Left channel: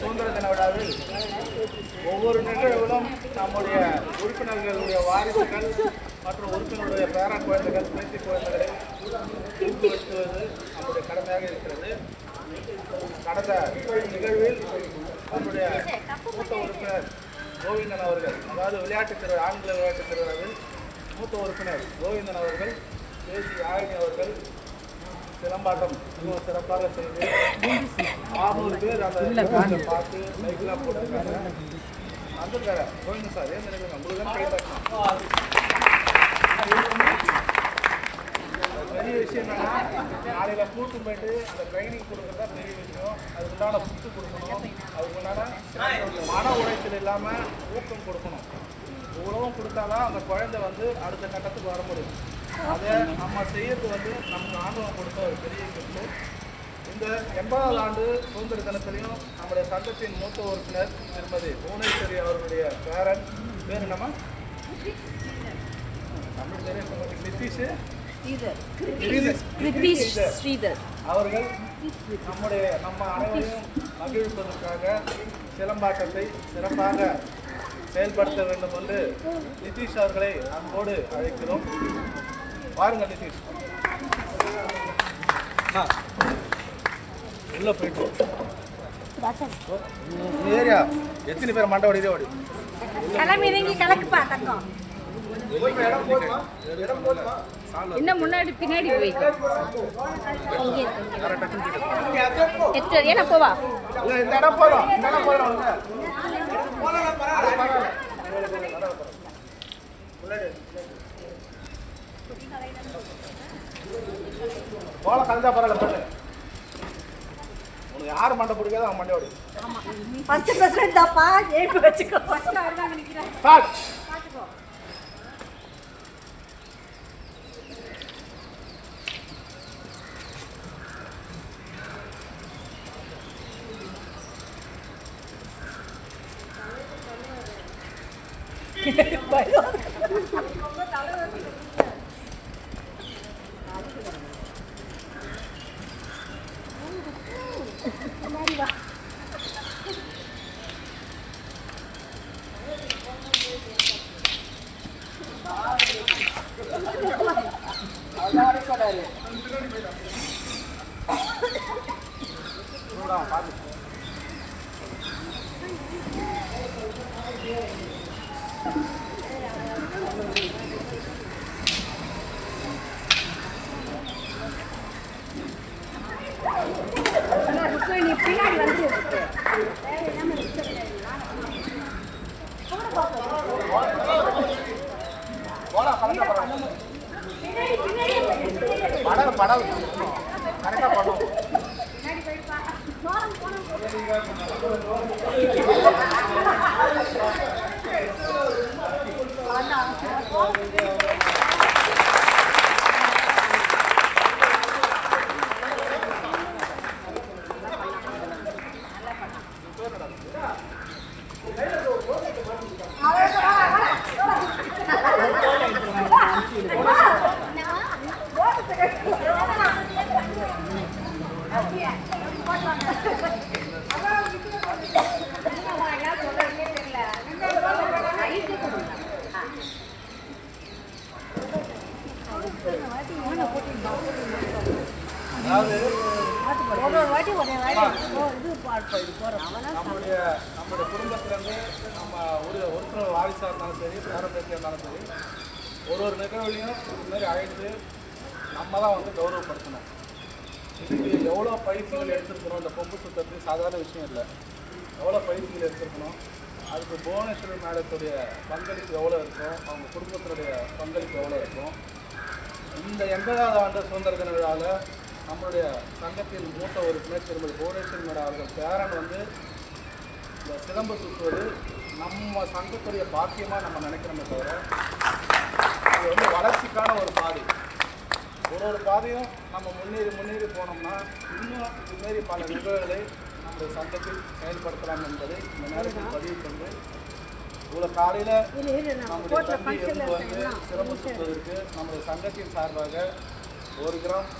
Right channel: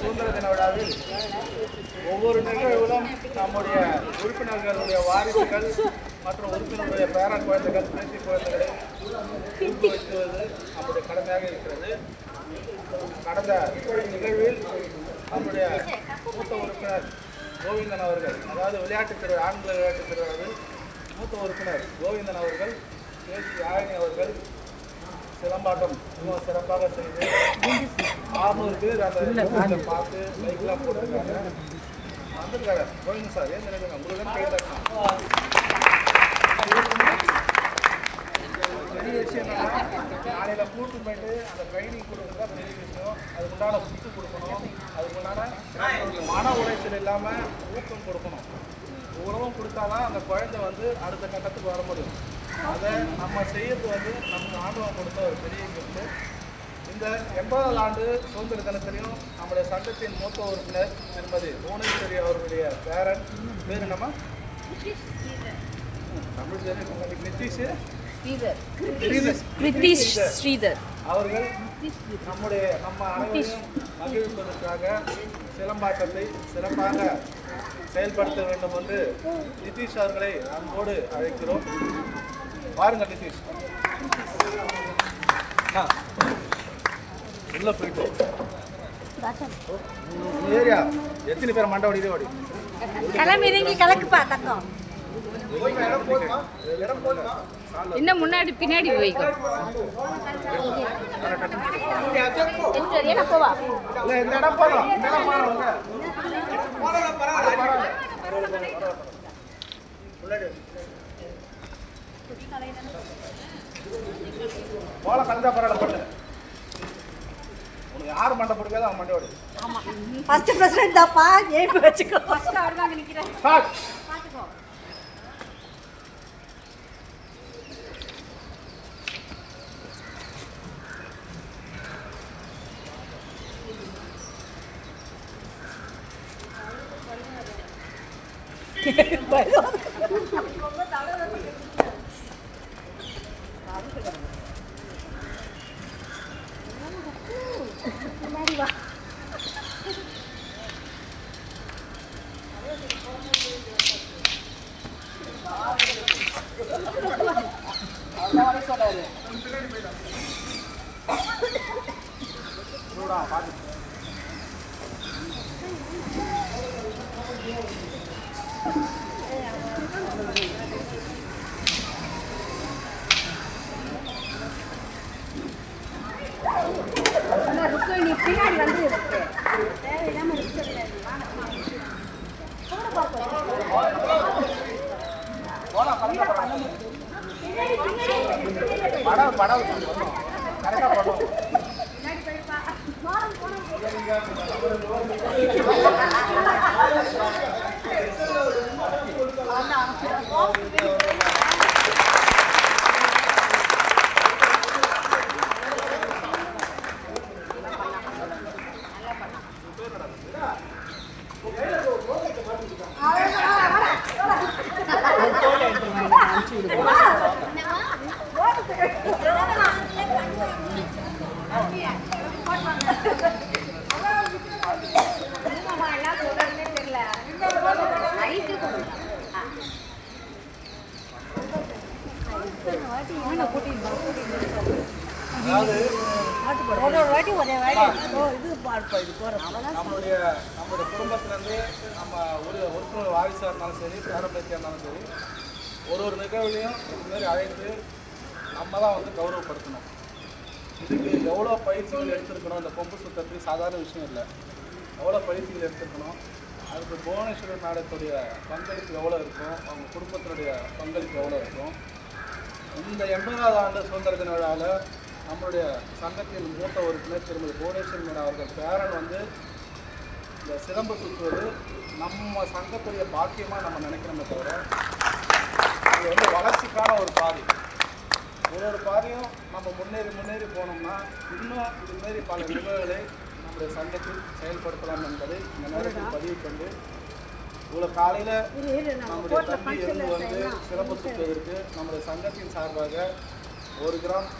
சுதந்திர தின விழாவில் ஒவ்வொரு நிகழ்வுகளும் நம்முடைய உறுப்பினர்களுடைய வாரிசுகள் மற்றும் உறுப்பினருடைய பேர குழந்தைகள் பேத்தி குழந்தைகளை ஊக்குவிக்குவது நம்முடைய கடமையாக இருக்கிறது. கடந்த நிகழ்வில் நம்முடைய மூத்த உறுப்பினர் கோவிந்தன் அவர்கள், அதாவது ஆண்கள் விளையாட்டுத் திருவிழாவில் மூத்த உறுப்பினர் கோவிந்தன் அவர்கள், பேசி யாழினி அவர்கள் சிலம்பாட்டம் மிகவும் சிறப்பாக செய்து 600 பேர் அந்த பார்த்து லைக்லாம் போட்டிருக்காங்க. வந்திருக்காரு கோவிந்தன் சார், ஏன் நினைக்கிறேன் உங்களுக்கு தான் கை தட்டணும். பெரிய விஷயம் என்னன்னா, நாளையில் கூட்டு போயிட்டு அந்த ட்ரைனிங் கொடுக்குறது தான் பெரிய விஷயம். அதுக்கு உண்டான புத்து கொடுக்கணும், அதுக்கு உண்டான மன உளைச்சல் இல்லாமல் ஊக்கம் கொடுக்கணும். இவ்வளவும் கொடுத்தாதான் அந்த குழந்தை அடுத்த கட்டத்துக்கு வர முடியும். அதை நம்ம செய்யறது நமக்கு ஆண்டவன் கொடுத்த ஒரு பெரிய கிஃப்ட்டு. இந்த 80வது ஆண்டு சுதந்திர தினத்திலையும் நம்முடைய சங்கத்தின் மூத்த உறுப்பினர் திருமதி புவனேஸ்வரி அவர்களுடைய பேரன் பேர் என்னம்மா? தமிழ் தெரியும், நிதிஷ் ஸ்ரீதர் அவர்கள் நம்ம அனைவரையும் மகிழ்விப்பதற்காக சிலம்பாட்டத்தை சிறப்பாக செயல்படுத்த வேண்டும் என்று நிதிஷ் அவர்களை அன்போடு அழைக்கிறோம். பாருங்கள் நிதிஷ், உள்ள போயிட்டு ஏரியா எத்தனை பேர் மண்டை ஓடி ஓடி இடம் போதுமா? என்ன முன்னாடி பின்னாடி போவா போல கலந்தா பரவாயில்ல பண்ணு. உனக்கு யாரு மண்டை பிடிக்காதோ அவன் மண்டை ஓடி. ஃபர்ஸ்ட் பிரசிடென்ட் தாப்பா, ஏய் வெச்சுக்கோ. ஃபர்ஸ்ட் ஆர்டர் நிக்கிறேன். ஸ்டார்ட். நம்முடைய குடும்பத்திலேருந்து நம்ம உறுப்பினர் வாரிசாக இருந்தாலும் சரி, பேரம்பேத்தியாக இருந்தாலும் சரி, ஒரு நிகழ்வுலையும் இதுமாரி அழைத்து நம்ம தான் கௌரவப்படுத்தணும். இதுக்கு எவ்வளோ பயிற்சிகள் எடுத்துருக்கணும். இந்த கொம்பு சுத்தத்துக்கு சாதாரண விஷயம் இல்லை. எவ்வளோ பயிற்சிகள் எடுத்துருக்கணும். அதுக்கு புவனேஸ்வரி மேடத்துடைய பங்களிப்பு எவ்வளோ இருக்கும், அவங்க குடும்பத்தினுடைய பங்களிப்பு எவ்வளோ இருக்கும். இந்த 80வது ஆண்டு சுதந்திர தின விழாவில் நம்மளுடைய சங்கத்தின் மூத்த உறுப்பினர் திருமதி புவனேஸ்வரி மேடம் அவர்கள் பேரன் இந்த சிலம்பு சுற்றுவது நம்ம சங்கத்துடைய பாக்கியமாக நம்ம நினைக்கிறோமே தவிர, அது வளர்ச்சிக்கான ஒரு பாதை. ஒரு பாதையும் நம்ம முன்னேறி போனோம்னா இன்னும் இதுமாரி பல நிகழ்வுகளை நம்முடைய சங்கத்தில் செயல்படுத்தலாம் என்பதை இந்த நேரத்தில் பதிவு கொண்டு, இவ்வளோ காலையில் நம்முடைய தம்பி இருந்து சிலம்பு சுற்றுவதற்கு நம்முடைய சங்கத்தின் சார்பாக 1 கிராம்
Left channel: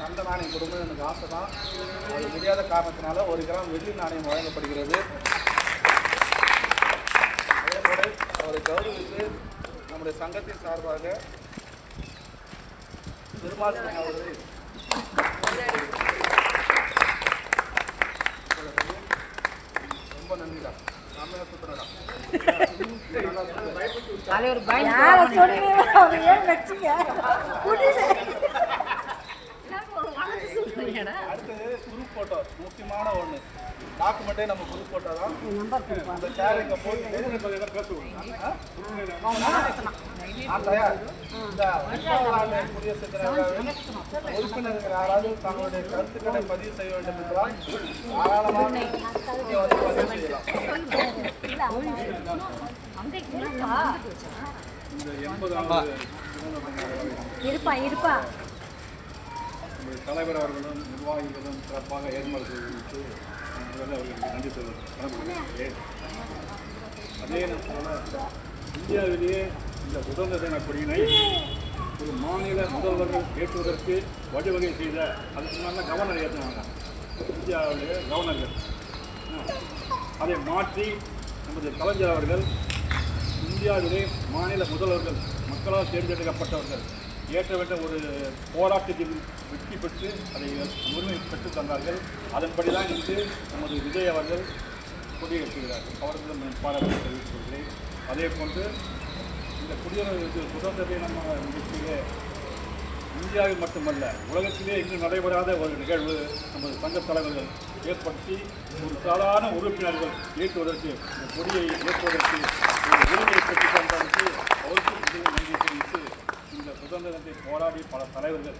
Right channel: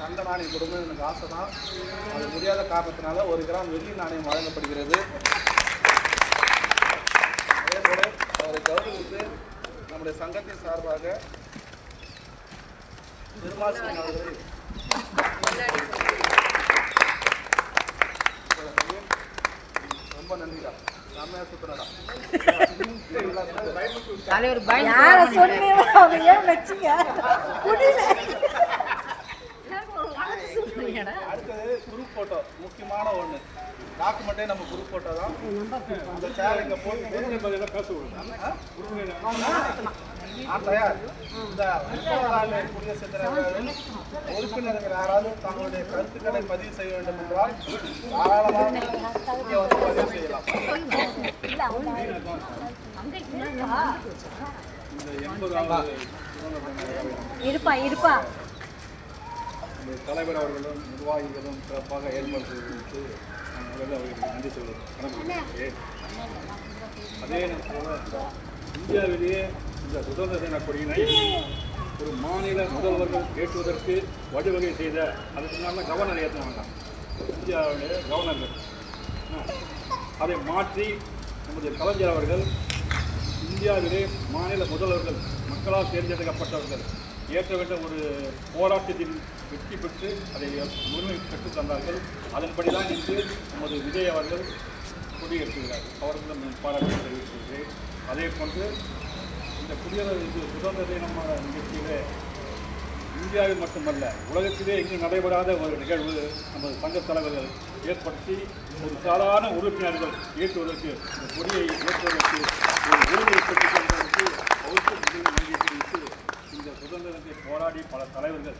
தங்க நாணயம் கொடுக்கணும்னு எனக்கு ஆசை தான். அது முடியாத காரணத்தினால 1 கிராம் வெள்ளி நாணயம் வழங்கப்படுகிறது. அதேபோல அவரை கௌரவித்து நம்முடைய சங்கத்தின் சார்பாக பெருமாள் சிங் அவர்களை ரொம்ப நன்றிடா. நாமே சுத்தனடா. யாரை சொன்னீங்க அவங்க ஏன் வச்சீங்க அடுத்தது குரூப் போட்டோ. முக்கியமான ஒன்று டாக்குமெண்ட்டே நம்ம குரூப் போட்டோ தான். அந்த சேர் இங்கே போட்டு நான் தயார். இந்த 30வது ஆண்டு குடியரசு தின விழாவில் உறுப்பினர்கள் யாராவது தங்களுடைய கருத்துக்களை பதிவு செய்ய வேண்டும் என்றால் தாராளமாக இங்கே வந்து பதிவு செய்யலாம். இந்த 80வது சுதந்திர தின விழாவை இருப்பா நம்முடைய தலைவர் அவர்களும் நிர்வாகிகளும் சிறப்பாக ஏற்பாடு செய்து நான் முதல்ல அவர்களுக்கு நன்றி சொல்வது கடமைப்பட்டிருக்கிறேன். அதே போல இந்தியாவிலேயே இந்த சுதந்திர தின கொடியினை ஒரு மாநில முதல்வர்கள் ஏற்றுவதற்கு வழிவகை செய்த அதுக்கு முன்னால் கவர்னர் ஏற்றுவாங்க. இந்தியாவுடைய கவர்னர்கள் அதை மாற்றி நமது கலைஞர் அவர்கள் இந்தியாவிலே மாநில முதல்வர்கள் மக்களால் தேர்ந்தெடுக்கப்பட்டவர்கள் ஏற்ற வேண்டிய ஒரு போராட்டத்தில் வெற்றி பெற்று அதை உரிமை பெற்றுத் தந்தார்கள். அதன்படி தான் இன்று நமது விஜய் அவர்கள் கொடியேற்றுகிறார்கள். அவர்களும் பாராட்டு தெரிவித்துக் கொள்கிறேன். அதே போன்று இந்த குடியரசு சுதந்திர தின நிகழ்ச்சியிலே இந்தியாவில் மட்டுமல்ல உலகத்திலே இங்கு நடைபெறாத ஒரு நிகழ்வு நமது சங்கத் தலைவர்கள் ஏற்படுத்தி ஒரு சாதாரண உறுப்பினர்கள் ஏற்றுவதற்கு இந்த கொடியை ஏற்றுவதற்கு ஒரு உரிமையை பெற்றுத் தந்ததற்கு அவருக்கு நன்றி தெரிவித்து இந்த சுதந்திரத்தை போராடி பல தலைவர்கள்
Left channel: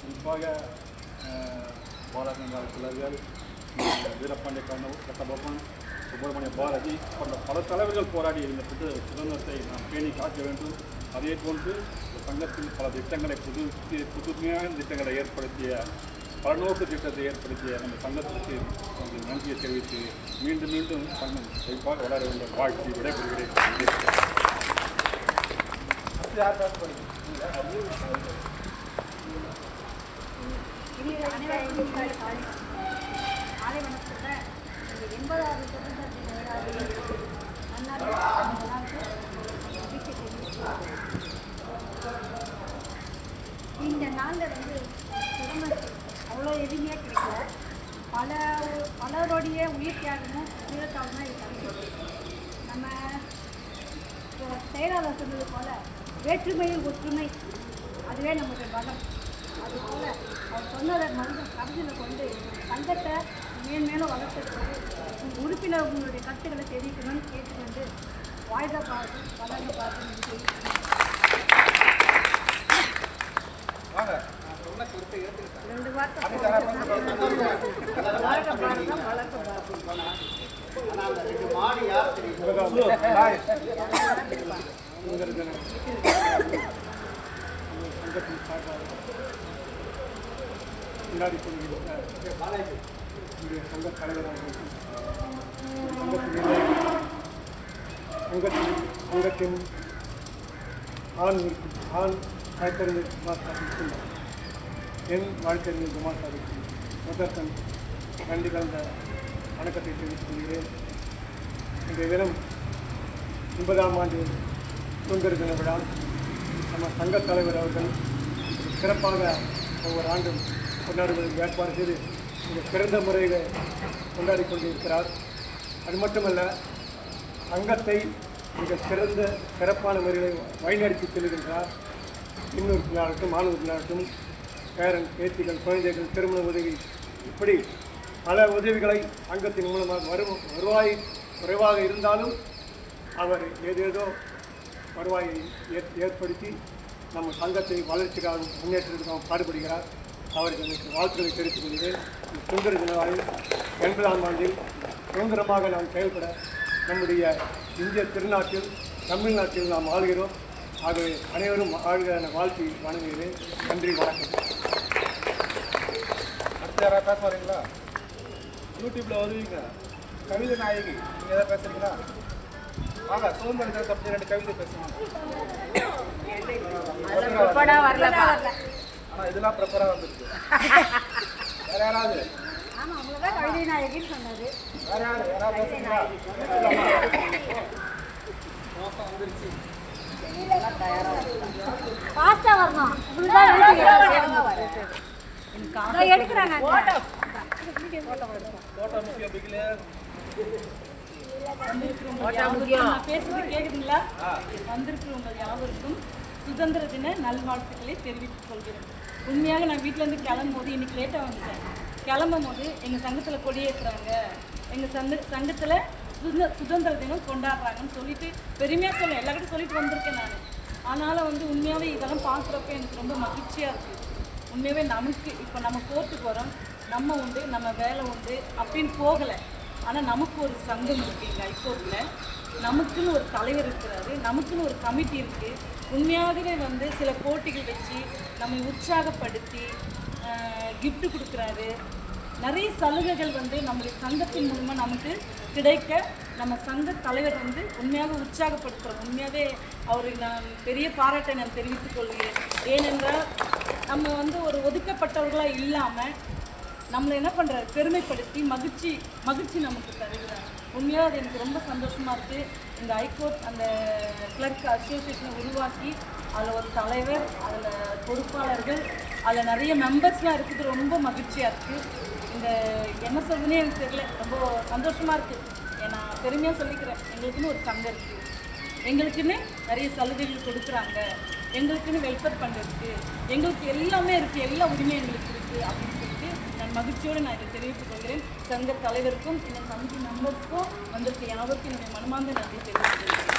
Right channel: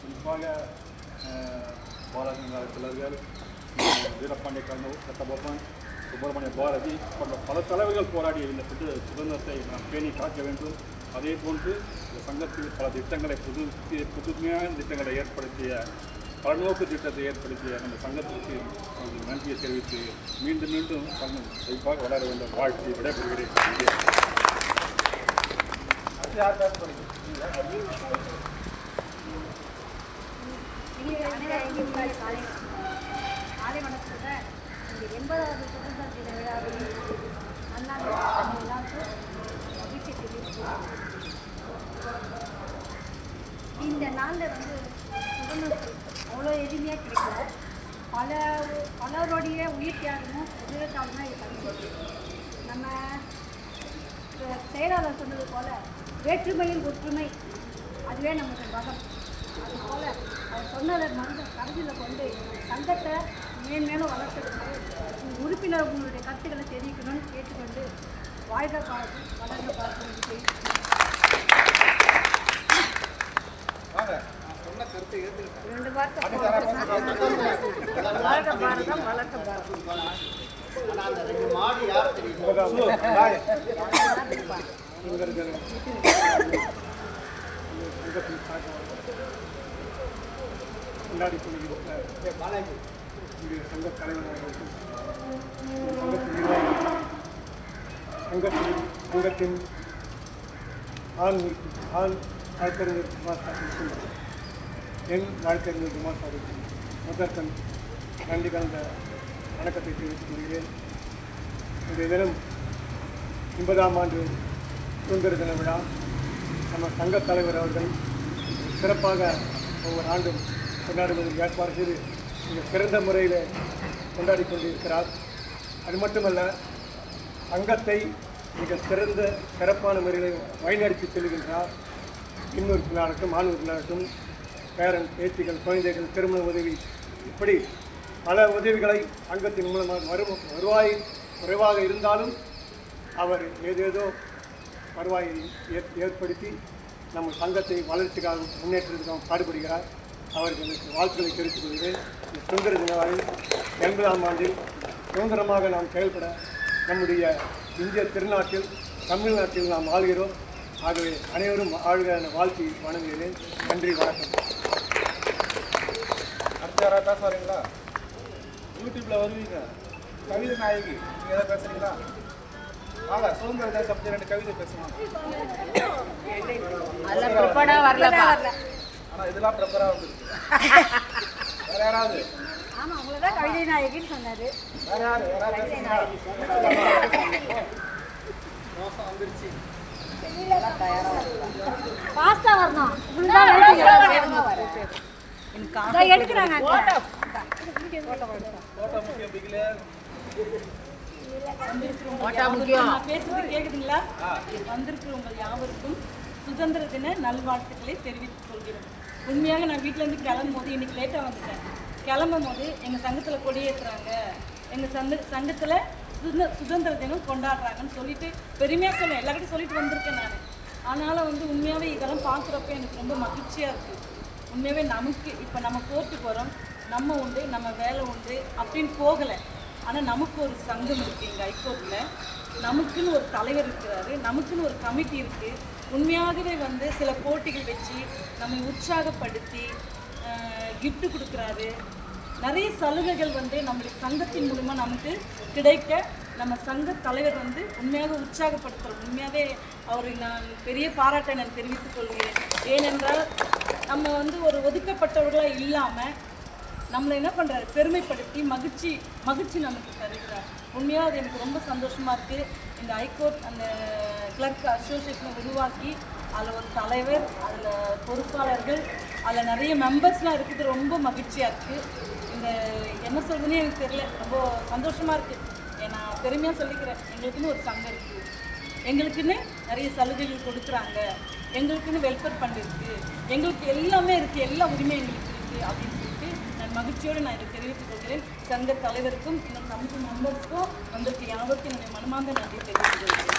குறிப்பாக பாலகங்கார பிள்ளர்கள், வீரபாண்டிய கட்டபொம்மன், சுப்பிரமணிய பாரதி போன்ற பல தலைவர்கள் போராடி இந்த சுதந்திரத்தை நாம் பேணி காக்க வேண்டும். அதே போன்று இந்த சங்கத்தில் பல திட்டங்களை புதுமையான திட்டங்களை ஏற்படுத்திய பலநோக்கு திட்டத்தை ஏற்படுத்திய நம்ம சங்கத்திற்கு நன்றியை தெரிவித்து மீண்டும் மீண்டும் சங்கம் சிறப்பாக வளர வேண்டும் வாழ்த்தி விடைபெறுகிறேன். அனைவருக்கும் காலை வணக்கத்துடன் இந்த 80வது சுதந்திர தின விழாவில் அண்ணாடி எல்லாருக்கும் மகிழ்ச்சி தெரிவிக்கிறோம். இந்த நாளில் சுதந்திரத்தை அவ்வளோ எளிமையாக கிடைக்கல. பலருடைய உயிர் தியாகமும் உயிரத்தாலும் தான் இது கிடைக்கிறது. நம்ம செயலாளர் சொன்னது போல் வேற்றுமையில் ஒற்றுமை அதுவே நமக்கு பலம். அதுபோல் அவர் சொன்னதை கருத்தில் கொண்டு நம்ம சங்கத்தை மேன்மேலும் வளர்த்துக்கு உறுப்பினர் உங்களுடைய கருத்துக்களை தெரிவிக்கணும்னு கேட்டுக்கொண்டு வாழ்க பாரதி வளர்க பாரதி வாங்க. நான் சொன்ன கருத்தை ஏற்றுக்கிட்டேன். 2 வார்த்தை சங்கத்தின் சார்பாக கொண்டாடி கொள்கின்ற இன்றைய சங்க தலைவர் அவர்களுக்கும் சங்கத்தின் நிர்வாகிகளுக்கும் சங்கத்தின் ஆண் வழக்கறிஞர் குமார் சாருக்கும் என் வழக்கறிஞர் குமார் சாருக்கும் முதற்கண் நன்றி கலந்த வணக்கத்தை தெரிவித்துக் கொள்கிறேன். இன்றைய தினம் 80ஆம் ஆண்டு சுதந்திர தின விழா நம்ம சங்கத் தலைவர் அவர்கள் சிறப்பாக ஒவ்வொரு ஆண்டும் கொண்டாடுவதற்கு ஏற்பாடு செய்து மிக சிறந்த முறையில் கொண்டாடி கொண்டிருக்கிறார். அது மட்டுமல்ல, சங்கத்தை மிக சிறப்பான முறையில் வழிநடத்தி செல்கின்றார். இன்னொருப்பினாகட்டும் மாணவர்களாகட்டும் பேரன் பேத்திகள் குழந்தைகள் திருமண உதவி இப்படி பல உதவிகளை சங்கத்தின் மூலமாக வருவாய் குறைவாக இருந்தாலும் அவர் ஏதேதோ வருவாயை ஏற்படுத்தி நம்ம சங்கத்தை வளர்ச்சிக்காக முன்னேற்றத்துக்காக பாடுபடுகிறார். அவருக்கு எனக்கு வாழ்த்துக்களை தெரிவித்துக் கொள்கிறேன். இந்த சுதந்திர தினவாவில் 80ஆம் ஆண்டில் சுதந்திரமாக நாம் செயல்பட நம்முடைய இந்திய திருநாட்டில் தமிழ்நாட்டில் நாம் ஆள்கிறோம். ஆகவே அனைவரும் ஆழ்க என வாழ்த்தி வணங்குகிறேன். நன்றி, வணக்கம். அடுத்த யாராவது பேச வரீங்களா? யூடியூப்பில் வருவீங்க. கவிதை நாயகி நீங்கள் எதாவது பேசுகிறீங்களா? வாங்க, சுதந்திர தினத்தை பற்றி 2 கவிதை பேசுவாங்க. ஆனால் இதெல்லாம் ப்ரிப்பராக வந்துருக்கு. வேற யாராவது? ஆமாம், அவங்க தான் கவிதை நாயகின்னு சொன்னார். வேற யாராவது பேசுறீங்களா? பேசலாமா? மோசம் வந்துருச்சு. பாஸ்தா வரணும். எடுக்கிறாங்க. ஃபோட்டோ முக்கியம் பிகில. வந்திருக்கிறவங்க யாவருக்கும் நான் பேசுறது கேக்குதுங்களா? வந்திருக்கிறவங்க யாவருக்கும் சுதந்திர தின நல்வாழ்த்துக்களை தெரிவித்துக் கொள்கிறேன். உண்மையாக நான் வீட்டிலேருந்து கிளம்பும் போது இன்னைக்கு லேட்டாக வந்துட்டேன். கிளம்பும் போது எங்கள் சங்கத்தில் கொடியேற்றுறாங்க, எங்கள் சங்கத்தில் சுதந்திர தினம் கொண்டாடுறாங்கன்னு சொல்லிட்டு பெருமையாக சொல்ல எல்லாருக்கிட்டும் சொல்லிட்டு வந்திருக்கேன் நான். ஆனாலும் வந்து உண்மையாகவே இதெல்லாம் பார்க்குறப்ப எனக்கு ரொம்ப மகிழ்ச்சியாக இருக்குது. உண்மையாகவே நமக்கு இப்போ நம்ம கோர்ட்டுக்கு வரோம், நம்ம உண்டு, நம்ம வேலை உண்டு அப்படின்னு போகலை. ஆனால் நமக்கு ஒரு சங்கம் இருக்குது எங்கள் ஹைகோர்ட்டில், நமக்குன்னு ஒரு தலைவர் இருக்கிறாரு, நமக்குன்னு ஒரு கமிட்டி இருக்குது. உண்மையாகவே வந்து சில போட்டிகள் வச்சு நம்மை உற்சாகப்படுத்தி கிஃப்ட் கொடுக்குறாரு. நிறைய சலுகைகள் வந்து நம்முடைய சங்கத்தின் மூலமாக நமக்கு கிடைக்க நம்ம சங்க தலைவர் வந்து உண்மையாக உற்சாகப்படுத்துகிறோம். உண்மையாகவே அவருக்கு நான் பெரிய பாராட்டை நான் தெரிவித்துக் கொள்கிறேன். ஏனென்றால் நம்ம வந்து ஒரு ஒதுக்கப்பட்டவர்களாக இல்லாமல் நம்மளை என்ன பண்ணுறாரு, பெருமைப்படுத்தி மகிழ்ச்சி நமக்கு தருகிறார். உண்மையாக அது எனக்கு ரொம்ப சந்தோஷமாக இருக்குது. இந்த ஹைகோர்ட் அந்த கிளர்க் அசோசியேஷனை உருவாக்கி அதில் ஒரு தலைவர், அதில் பொறுப்பாளர்கள், அதில் நிறைய மெம்பர்ஸ்லாம் இருக்குது. ரொம்ப மகிழ்ச்சியாக இருக்குது. இந்த என்ன சொல்றதுன்னே எனக்கு தெரியல, ரொம்ப சந்தோஷமாக இருக்குது. நான் பெருமையாக சொல்லிக்கிறேன், எங்களுக்குன்னு ஒரு சங்கம் இருக்குது, எங்களுக்குன்னு நிறைய சலுகைகள் கொடுக்குறாங்க, எங்களுக்குன்னு வெல்ஃபேர் ஃபண்ட் இருக்குது, எங்களுக்கு எல்லாமே இருக்குது, எல்லா உரிமையும் எங்களுக்கு இருக்குது அப்படின்னு சொல்லிட்டு நான் மகிழ்ச்சியோடு நான் இதை தெரிவித்துக் கொள்கிறேன். சங்க தலைவருக்கும் இன்னும் கமிட்டி மெம்பர்ஸ்க்கும் வந்திருக்க யாவருக்கும் என்னுடைய மனமார்ந்த நன்றி தெரிவித்துக் கொள்கிறேன்.